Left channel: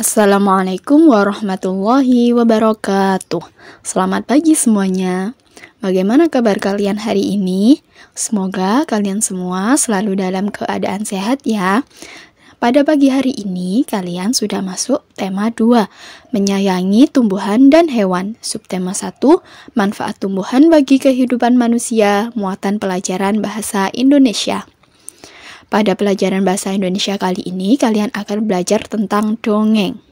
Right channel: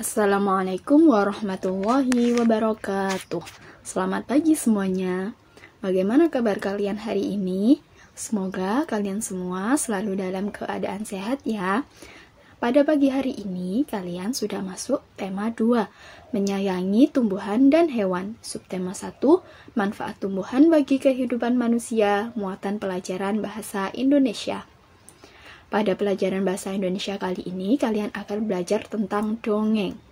Assalamualaikum warahmatullahi wabarakatuh. Selamat pagi semuanya. Bagaimana kabar kalian hari ini? Semoga kalian semua selalu dalam keadaan sehat ya. Pada pagi hari ini kalian sudah masuk tema 2, menyayangi tumbuhan dan hewan. Subtema 1, manfaat tumbuhan bagi kehidupan manusia, muatan pelajaran bahasa Indonesia. Pada pelajaran bahasa Indonesia kali ini, kalian akan belajar tentang dongeng.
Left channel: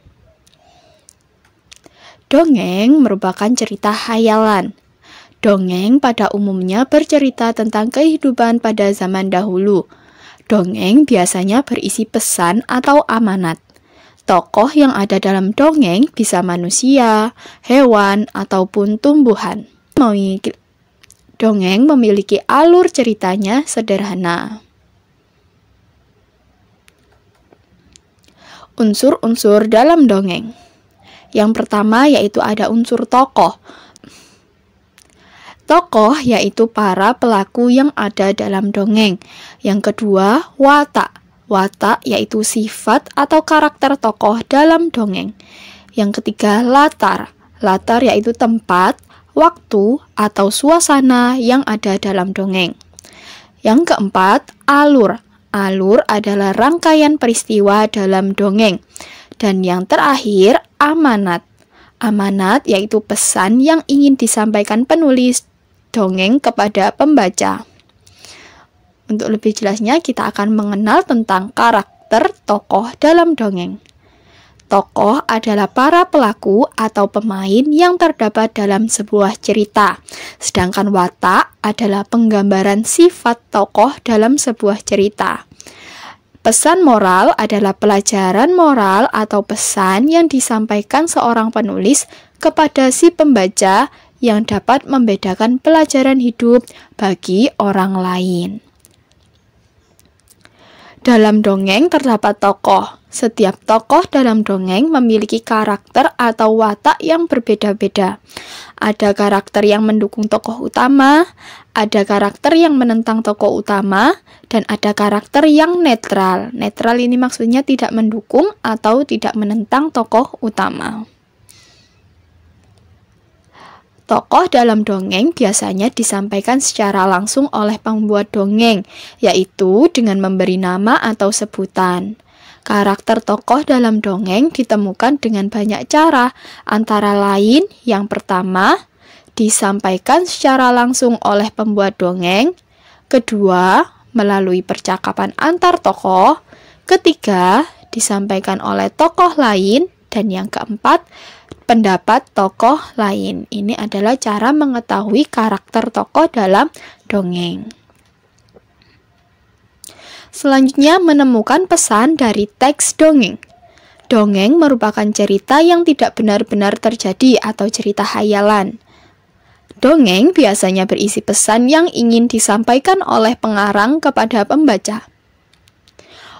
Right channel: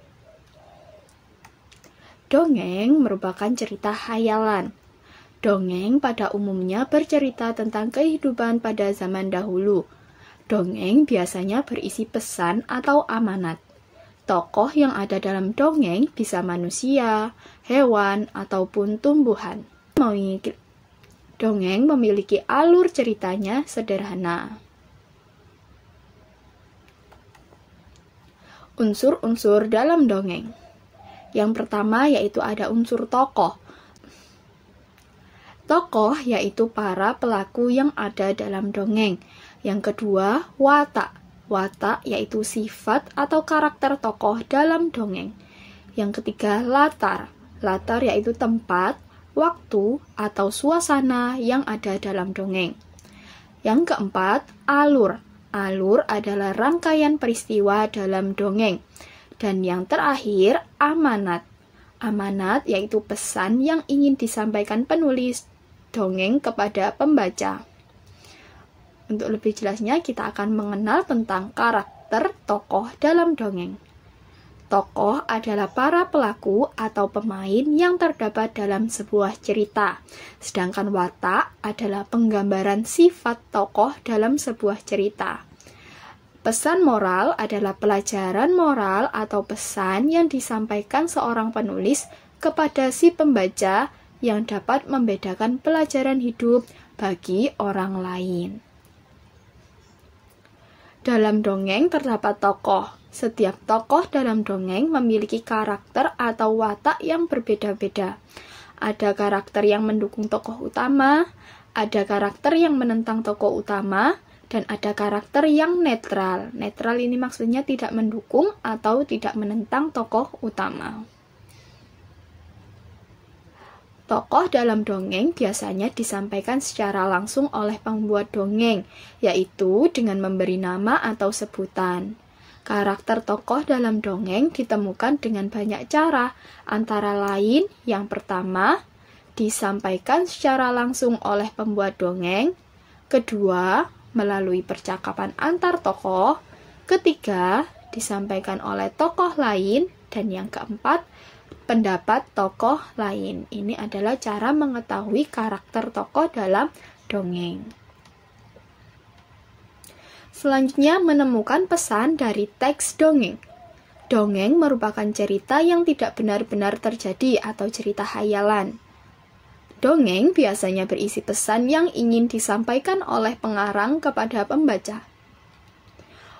Dongeng merupakan cerita hayalan. Dongeng pada umumnya bercerita tentang kehidupan pada zaman dahulu. Dongeng biasanya berisi pesan atau amanat. Tokoh yang ada dalam dongeng bisa manusia, hewan, ataupun tumbuhan. Dongeng memiliki alur ceritanya sederhana. Unsur-unsur dalam dongeng. Yang pertama yaitu ada unsur tokoh. Tokoh yaitu para pelaku yang ada dalam dongeng. Yang kedua, watak. Watak yaitu sifat atau karakter tokoh dalam dongeng. Yang ketiga, latar. Latar yaitu tempat, waktu, atau suasana yang ada dalam dongeng. Yang keempat, alur. Alur adalah rangkaian peristiwa dalam dongeng. Dan yang terakhir, amanat. Amanat yaitu pesan yang ingin disampaikan penulis dongeng kepada pembaca. Untuk lebih jelasnya, kita akan mengenal tentang karakter tokoh dalam dongeng. Tokoh adalah para pelaku atau pemain yang terdapat dalam sebuah cerita. Sedangkan watak adalah penggambaran sifat tokoh dalam sebuah cerita. Pesan moral adalah pelajaran moral atau pesan yang disampaikan seorang penulis kepada si pembaca yang dapat membedakan pelajaran hidup bagi orang lain. Dalam dongeng terdapat tokoh. Setiap tokoh dalam dongeng memiliki karakter atau watak yang berbeda-beda. Ada karakter yang mendukung tokoh utama, ada karakter yang menentang tokoh utama, dan ada karakter yang netral. Netral ini maksudnya tidak mendukung atau tidak menentang tokoh utama. Tokoh dalam dongeng biasanya disampaikan secara langsung oleh pembuat dongeng, yaitu dengan memberi nama atau sebutan. Karakter tokoh dalam dongeng ditemukan dengan banyak cara, antara lain yang pertama, disampaikan secara langsung oleh pembuat dongeng, kedua, melalui percakapan antar tokoh, ketiga, disampaikan oleh tokoh lain, dan yang keempat, pendapat tokoh lain. Ini adalah cara mengetahui karakter tokoh dalam dongeng. Selanjutnya, menemukan pesan dari teks dongeng. Dongeng merupakan cerita yang tidak benar-benar terjadi atau cerita hayalan. Dongeng biasanya berisi pesan yang ingin disampaikan oleh pengarang kepada pembaca.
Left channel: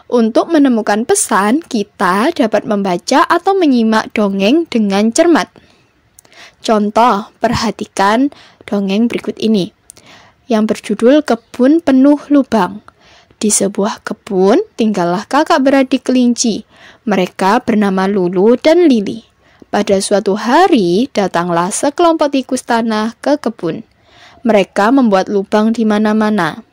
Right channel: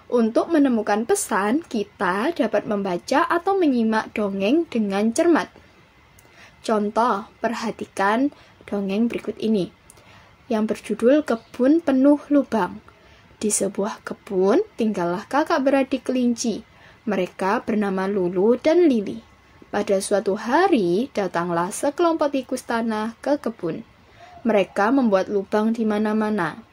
Untuk menemukan pesan, kita dapat membaca atau menyimak dongeng dengan cermat. Contoh, perhatikan dongeng berikut ini, yang berjudul Kebun Penuh Lubang. Di sebuah kebun, tinggallah kakak beradik kelinci. Mereka bernama Lulu dan Lili. Pada suatu hari, datanglah sekelompok tikus tanah ke kebun. Mereka membuat lubang di mana-mana.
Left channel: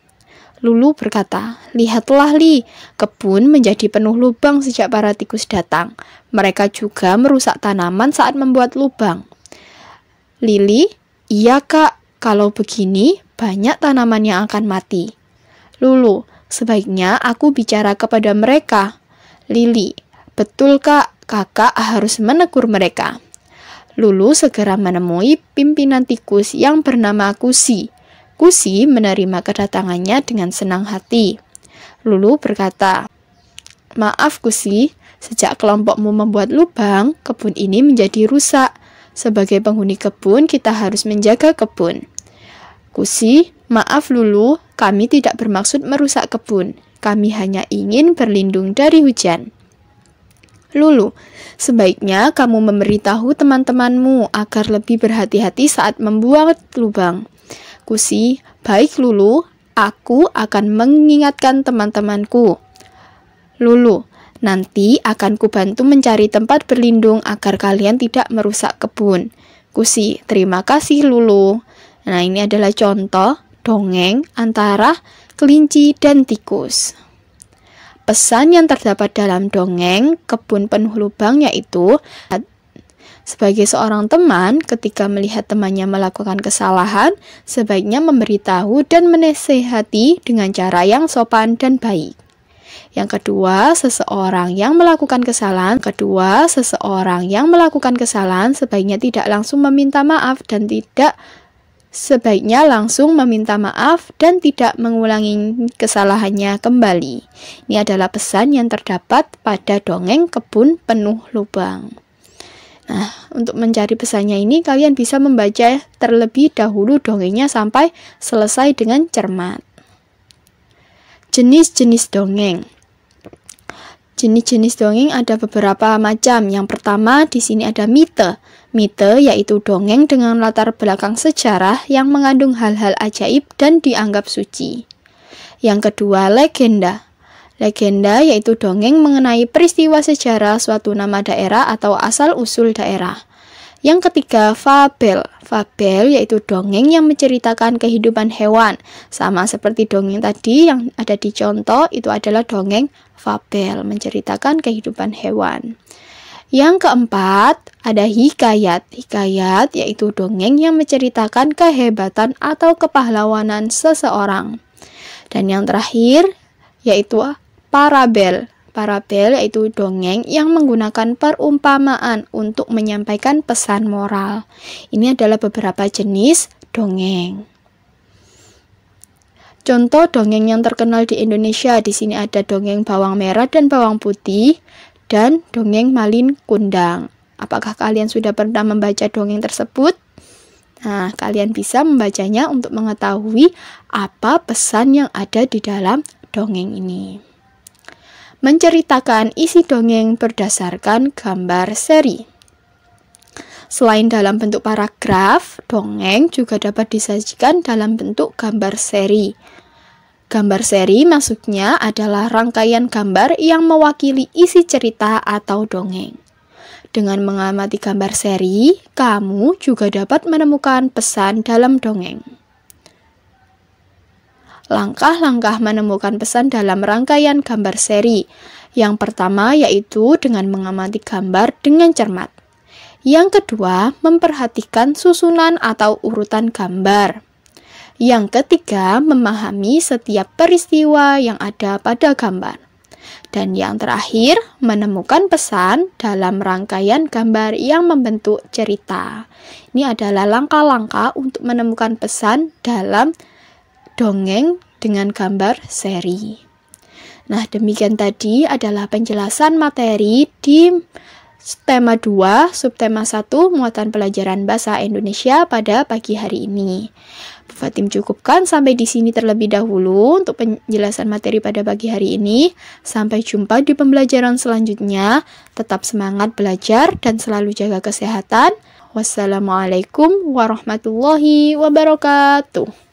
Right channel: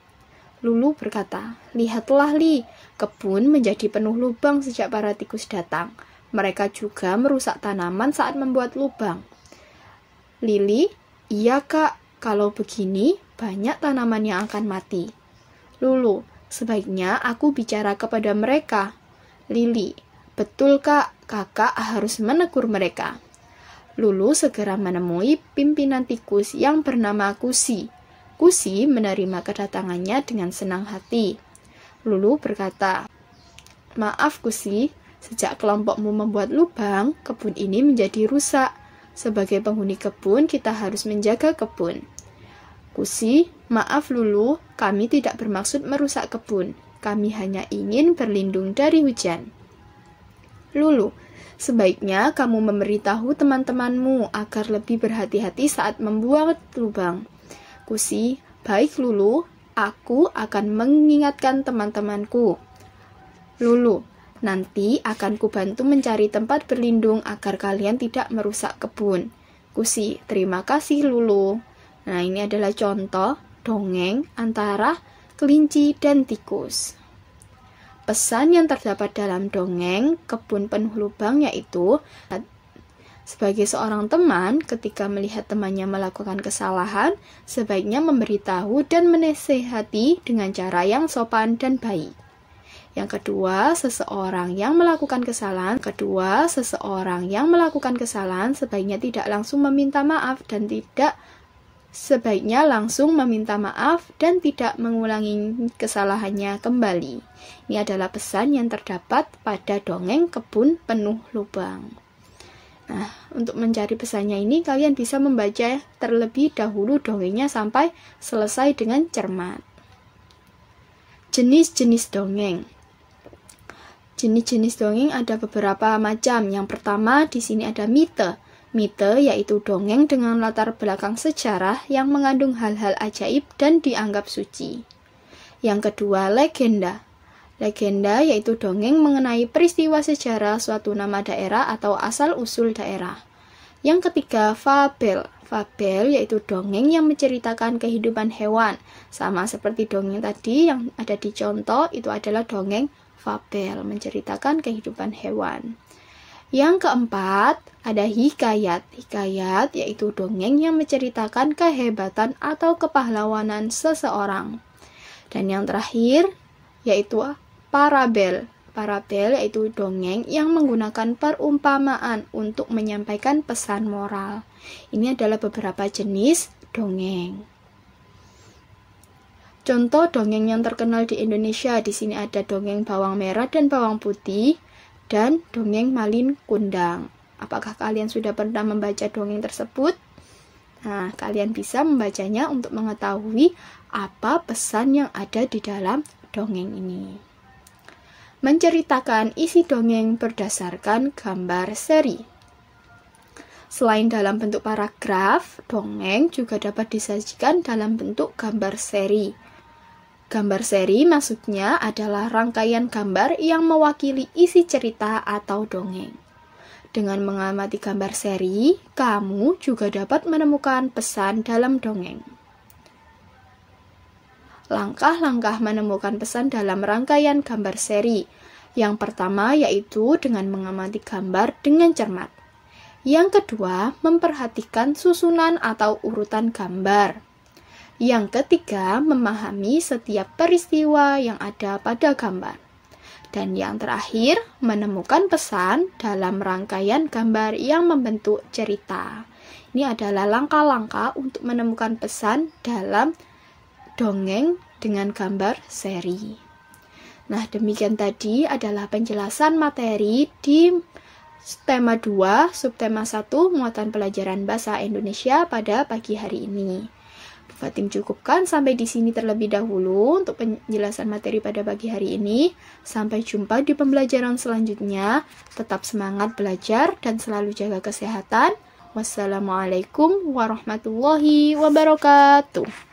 Lulu berkata, "Lihatlah, Li, kebun menjadi penuh lubang sejak para tikus datang. Mereka juga merusak tanaman saat membuat lubang." Lili, "Iya, Kak, kalau begini, banyak tanaman yang akan mati." Lulu, "Sebaiknya aku bicara kepada mereka." Lili, "Betul, Kak, kakak harus menegur mereka." Lulu segera menemui pimpinan tikus yang bernama Kusi. Kusi menerima kedatangannya dengan senang hati. Lulu berkata, "Maaf Kusi, sejak kelompokmu membuat lubang, kebun ini menjadi rusak. Sebagai penghuni kebun, kita harus menjaga kebun." Kusi, "Maaf Lulu, kami tidak bermaksud merusak kebun. Kami hanya ingin berlindung dari hujan." Lulu, "Sebaiknya kamu memberitahu teman-temanmu agar lebih berhati-hati saat membuat lubang." Kusi, "Baik Lulu, aku akan mengingatkan teman-temanku." Lulu, Nanti akan kubantu mencari tempat berlindung agar kalian tidak merusak kebun. Kusi, terima kasih Lulu. Nah, ini adalah contoh dongeng antara kelinci dan tikus. Pesan yang terdapat dalam dongeng Kebun Penuh Lubang yaitu, sebagai seorang teman, ketika melihat temannya melakukan kesalahan, sebaiknya memberitahu dan menasihati dengan cara yang sopan dan baik. Yang kedua, seseorang yang melakukan kesalahan sebaiknya tidak langsung meminta maaf dan tidak mengulangi kesalahannya kembali. Ini adalah pesan yang terdapat pada dongeng Kebun Penuh Lubang. Nah, untuk mencari pesannya ini kalian bisa membaca terlebih dahulu dongengnya sampai selesai dengan cermat. Jenis-jenis dongeng. Jenis-jenis dongeng ada beberapa macam. Yang pertama di sini ada mite. Mite yaitu dongeng dengan latar belakang sejarah yang mengandung hal-hal ajaib dan dianggap suci. Yang kedua, legenda. Legenda yaitu dongeng mengenai peristiwa sejarah suatu nama daerah atau asal-usul daerah. Yang ketiga, fabel. Fabel yaitu dongeng yang menceritakan kehidupan hewan. Sama seperti dongeng tadi yang ada di contoh, itu adalah dongeng fabel, menceritakan kehidupan hewan. Yang keempat, ada hikayat. Hikayat yaitu dongeng yang menceritakan kehebatan atau kepahlawanan seseorang. Dan yang terakhir, yaitu parabel. Parabel yaitu dongeng yang menggunakan perumpamaan untuk menyampaikan pesan moral. Ini adalah beberapa jenis dongeng. Contoh dongeng yang terkenal di Indonesia, di sini ada dongeng bawang merah dan bawang putih dan dongeng Malin Kundang. Apakah kalian sudah pernah membaca dongeng tersebut? Nah, kalian bisa membacanya untuk mengetahui apa pesan yang ada di dalam dongeng ini. Menceritakan isi dongeng berdasarkan gambar seri. Selain dalam bentuk paragraf, dongeng juga dapat disajikan dalam bentuk gambar seri. Gambar seri maksudnya adalah rangkaian gambar yang mewakili isi cerita atau dongeng. Dengan mengamati gambar seri, kamu juga dapat menemukan pesan dalam dongeng. Langkah-langkah menemukan pesan dalam rangkaian gambar seri. Yang pertama yaitu dengan mengamati gambar dengan cermat. Yang kedua, memperhatikan susunan atau urutan gambar. Yang ketiga, memahami setiap peristiwa yang ada pada gambar. Dan yang terakhir, menemukan pesan dalam rangkaian gambar yang membentuk cerita. Ini adalah langkah-langkah untuk menemukan pesan dalam dongeng dengan gambar seri. Nah, demikian tadi adalah penjelasan materi di tema 2, subtema 1, muatan pelajaran bahasa Indonesia pada pagi hari ini. Bu Fatim cukupkan sampai di sini terlebih dahulu untuk penjelasan materi pada pagi hari ini. Sampai jumpa di pembelajaran selanjutnya. Tetap semangat belajar dan selalu jaga kesehatan. Wassalamualaikum warahmatullahi wabarakatuh.